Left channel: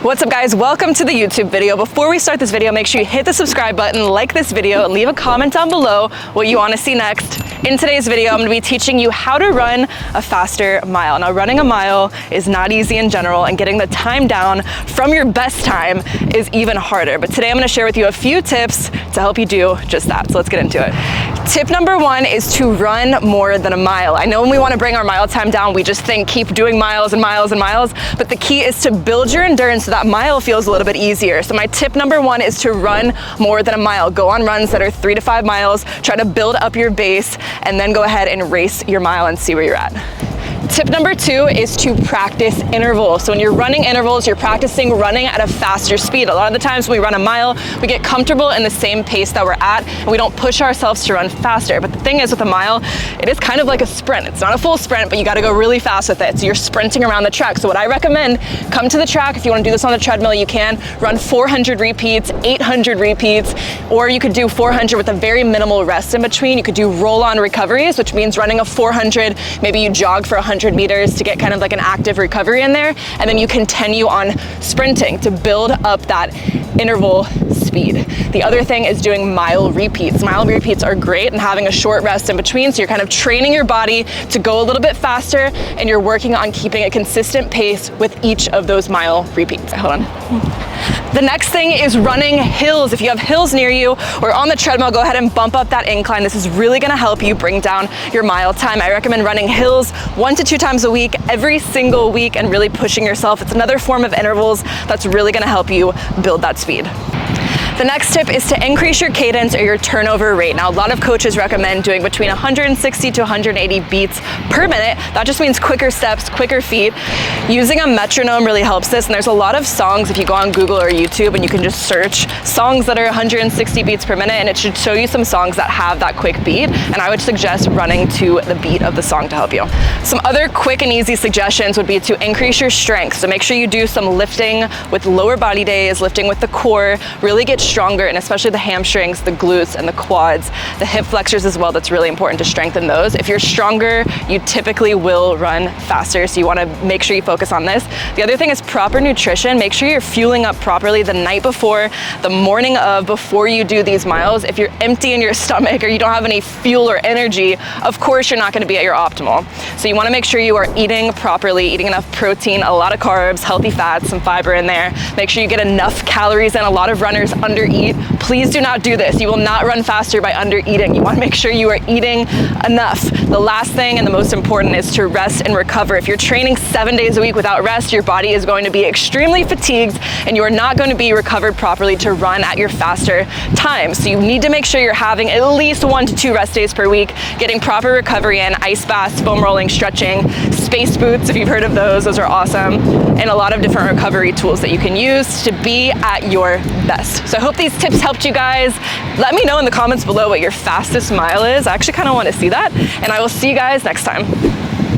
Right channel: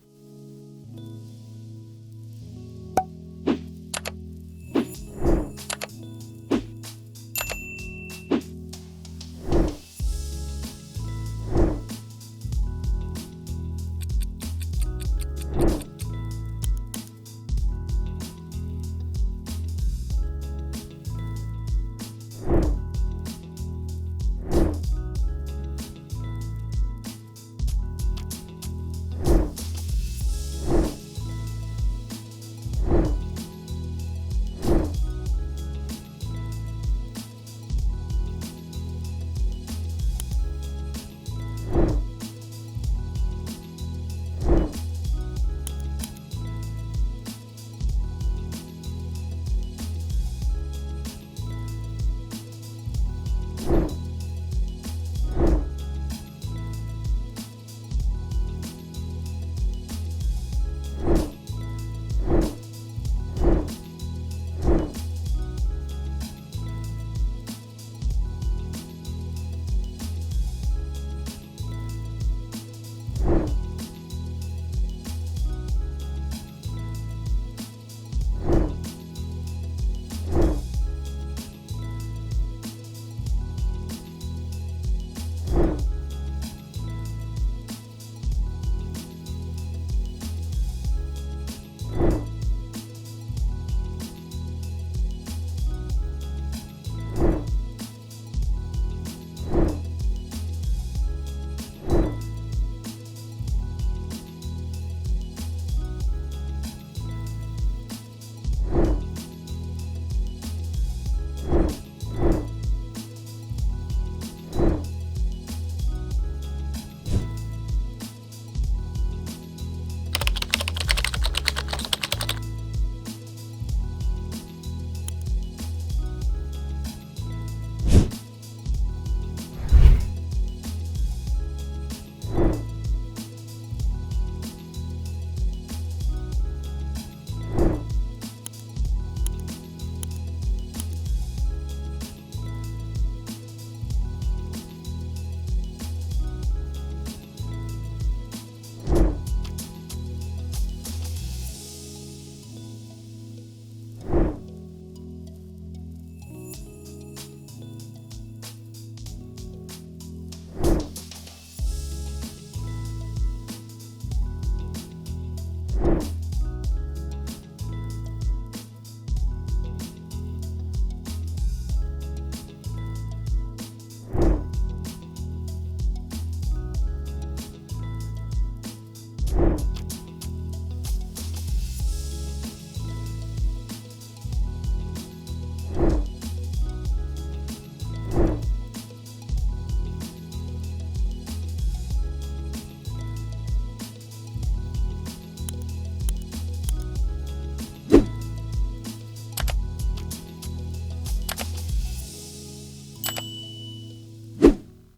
What's up guys, welcome to the YouTube video. Before we start this video, make sure you hit the subscribe button, like this video, and leave a comment down below what you want to see next. In today's video, I'm going to be teaching you how to run a faster mile. Now, running a mile is not easy in general, and getting the time down from your best time is even harder. But today I'm going to share with you a few tips to help you do just that. So let's get into it. Tip number one is to run more than a mile. I know when we want to bring our mile time down, we just think keep doing miles and miles and miles, but the key is to build your endurance so that mile feels a little bit easier. So my tip number one is to run more than a mile. Go on runs that are 3 to 5 miles, try to build up your base, and then go ahead and race your mile and see where you're at. Tip number two is to practice intervals. So when you're running intervals, you're practicing running at a faster speed. A lot of the times when we run a mile, we get comfortable in the same pace that we're at, and we don't push ourselves to run faster. But the thing is with a mile, it is kind of like a sprint. It's not a full sprint, but you gotta go really fast with it. So you're sprinting around the track. So what I recommend, come to the track. If you wanna do this on the treadmill, you can. Run 400 repeats, 800 repeats, or you could do 400 with a very minimal rest in between. You could do roll-on recoveries, which means running a 400, maybe you jog for 100 meters to get kind of like an active recovery in there, and then you continue on sprinting to build up that interval speed. The other thing is doing mile repeats. Mile repeats are great and having a short rest in between, so you're kind of training your body to go a little bit faster, and you're working on keeping a consistent pace with each of those mile repeats. Hold on. The next thing is running hills. If you have hills near you or on the treadmill, go ahead and bump up that incline. This is really gonna help you bring down your mile time. I recommend running hills 1 to 2 times a week, every single week, and really pushing yourself. It's another form of intervals that's really gonna help you build that speed. The next tip is to increase your cadence or your turnover rate. Now, a lot of coaches recommend doing between 160 to 180 beats per minute. That just means quicker steps, quicker feet. Using a metronome really helps this, and there's a lot of songs if you go on Google or YouTube and you can just search songs that are 160 beats per minute, and it should show you some songs that have that quick beat, and I would suggest running to the beat of the song to help you. Some other quick and easy suggestions would be to increase your strength. So make sure you do some lifting with lower body days, lifting with the core, really get stronger, and especially the hamstrings, the glutes, and the quads, the hip flexors as well. That's really important to strengthen those. If you're stronger, you typically will run faster, so you want to make sure you focus on this. The other thing is proper nutrition. Make sure you're fueling up properly the night before, the morning of, before you do these miles. If you're empty in your stomach or you don't have any fuel or energy, of course you're not going to be at your optimal. So you want to make sure you are eating properly, eating enough protein, a lot of carbs, healthy fats, some fiber in there. Make sure you get enough calories in. A lot of runners undereat. Please do not do this. You will not run faster by undereating. You want to make sure you are eating enough. The last thing and the most important is to rest and recover. If you're training 7 days a week without rest, your body is going to be extremely fatigued, and you are not going to be recovered properly to run at your faster time. So you need to make sure you're having at least 1 to 2 rest days per week, getting proper recovery in, ice baths, foam rolling, stretching, space boots, if you've heard of those are awesome, and a lot of different recovery tools that you can use to be at your best. So I hope these tips helped you guys. Let me know in the comments below what your fastest mile is. I actually kind of want to see that, and I will see you guys next time.